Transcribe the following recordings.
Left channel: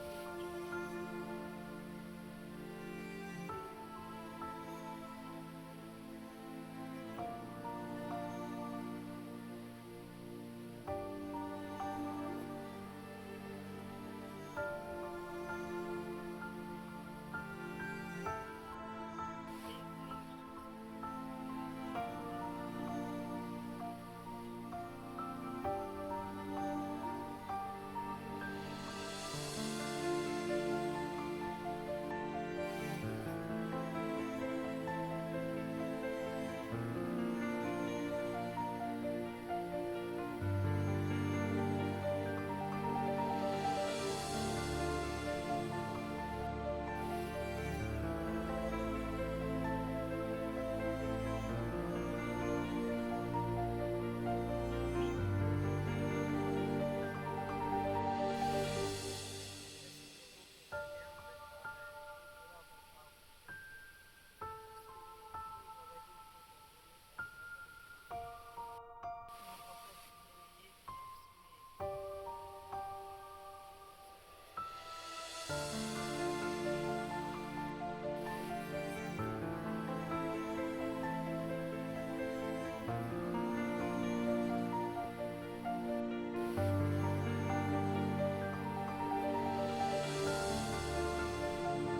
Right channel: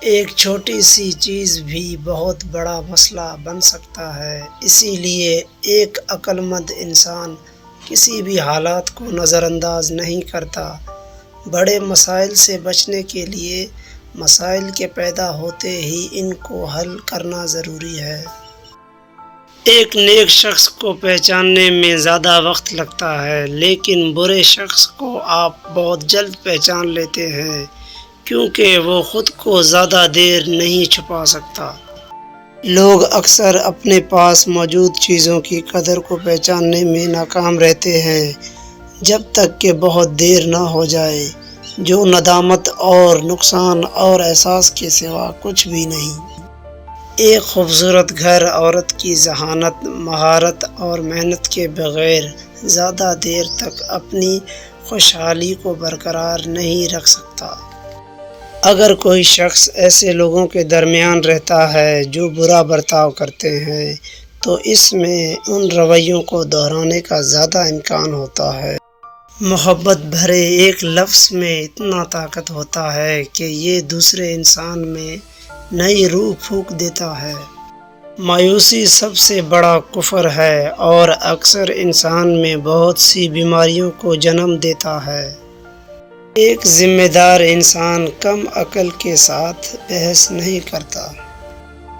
ایک چھوٹی سی چیز بھی بہت بڑا مسئلہ بن سکتا ہے، اسی لیے ایک عقل مند انسان کسی بھی حالات کو نظر انداز نہیں کرتا۔ بڑے مسائل سے بچنے کے لیے مسائل کے پیدا ہوتے ہی ان کو حل کرنا ضروری ہے۔ ایک نیک شخص کو پہچاننے میں زیادہ وقت لگتا ہے، لیکن برے شخص کو آپ بہت جلد پہچان لیتے ہیں، کیونکہ وہ خود کو زیادہ دیر نہیں چھپا سکتا۔ لوگ اکثر اپنے پاس موجود چیزوں کی قدر کو پہچاننے میں ناکام رہتے ہیں، جب تک کہ بہت دیر نہ ہو جائے، جو ندامت اور نقصان اور احساس کے سوا کچھ بھی نہیں۔ ایک خوبصورت گھر عورت کی ذہانت، مہارت اور محنت کے بغیر زیادہ دیر تک اپنی خوشحالی کو برقرار نہیں رکھ سکتا۔ اگر کوئی شخص ایسے لوگوں کے درمیان رہتا ہے جو برا برتاؤ کرتے ہیں، تو اس میں ان رویوں کو دہرانے کا زیادہ امکان ہوتا ہے۔ محبت بھرے ایک لفظ میں اتنا طاقت ہوتا ہے کہ یہ دوسرے انسان میں نئی روح پھونک دیتا ہے۔ مایوسی سب سے بڑا کفر ہے اور اکثر انسان میں بہت سی بیماریوں کو جنم دیتا ہے۔ ایک ذمہ دار انسان کم عقل کے ساتھ بحث نہیں کرتا۔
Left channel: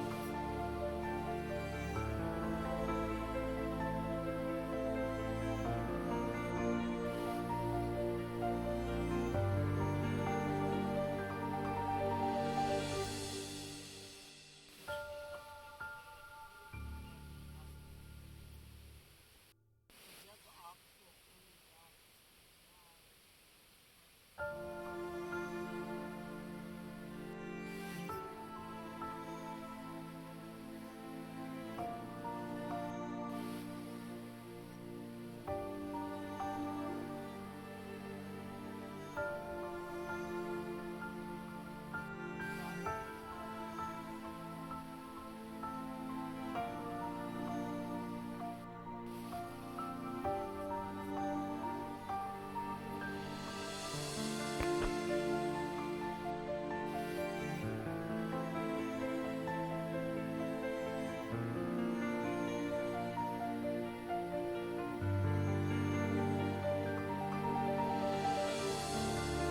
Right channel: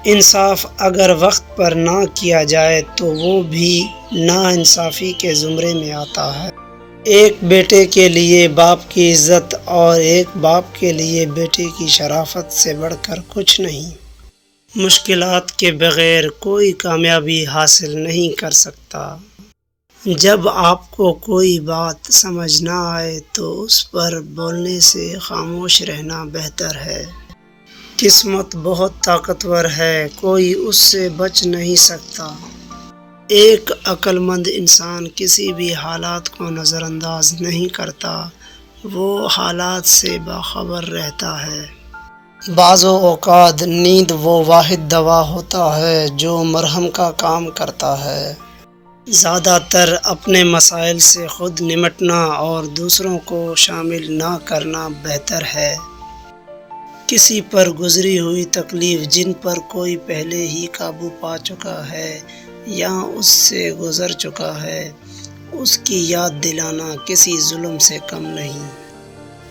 انصاف اگر وقت پر نہ کیا جائے تو وہ بھی ناانصافی کے زمرے میں آتا ہے۔ ایک بیٹے کے لیے باپ کی عزت اور ایک باپ کے لیے بیٹے کی شرافت سے بڑھ کر کچھ نہیں۔ مشکلات کے بغیر کوئی کامیابی حاصل نہیں کر سکتا۔ جب آپ کو کوئی بات سمجھ نہ آئے تو اس پر بولنے سے خاموش رہنا بہتر ہے۔ قسمت بہت طاقتور ہے، کوئی اس سے بچ نہیں سکتا۔ ایک عقل مند انسان کسی بھی حالات کو نظر انداز نہیں کرتا، وہ حالات سے باخبر رہتا ہے۔ بعض اوقات نیند وہ واحد دوا ہوتا ہے جو مرہم کا کام کرتا ہے۔ زیادہ تر اپنے مسائل سے خود نمٹنا اور دوسروں کو شامل نہ کرنا بہتر ہے۔ کسی پر گزری ہوئی تکلیف جن پر کوئی پہلے ہی قابو پا چکا ہے یا اس سے گزر چکا ہے، اس کی یاد دلانا کسی ظلم سے کم نہیں۔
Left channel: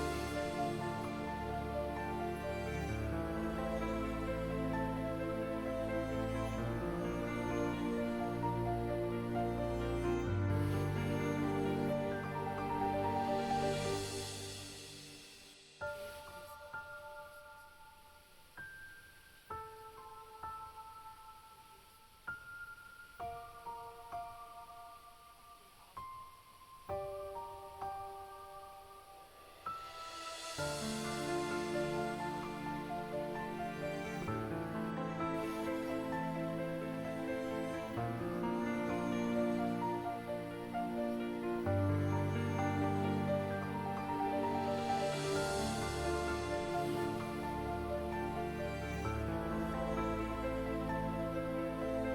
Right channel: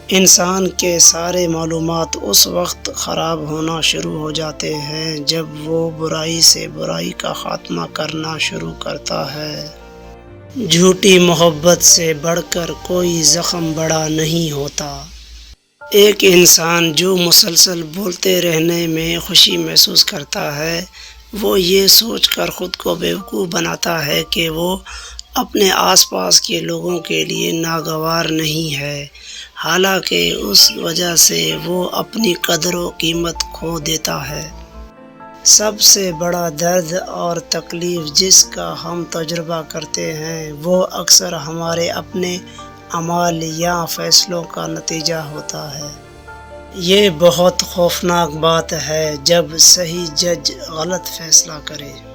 انسان کے سارے معلومات اس وقت خراب ہونا شروع ہو جاتے ہیں جب وہ برائی سے برائی کا خاتمہ کرنا شروع کرتا ہے۔ جھوٹی محبت سے بڑھ کر کوئی زخم بڑا نہیں ہوتا۔ ایک انسان جو مسلسل بولتے رہنے میں خوشی محسوس کرتا ہے، وہ یہ سوچ کر خود کو بیوقوف بناتا ہے کہ وہ اپنے آس پاس کے لوگوں کے لیے ناگوار نہیں ہے، حالانکہ اس وجہ سے وہ اپنی قدر و قیمت کھو دیتا ہے۔ سب سے بڑا درد اور تکلیف جس کا ہم تجربہ کرتے ہیں، وہ اکثر ہمارے اپنے اعمال یا فیصلوں کا نتیجہ ہوتا ہے۔ یہ بہت خوفناک بات ہے جب صحیح جج غلط فیصلہ کرے۔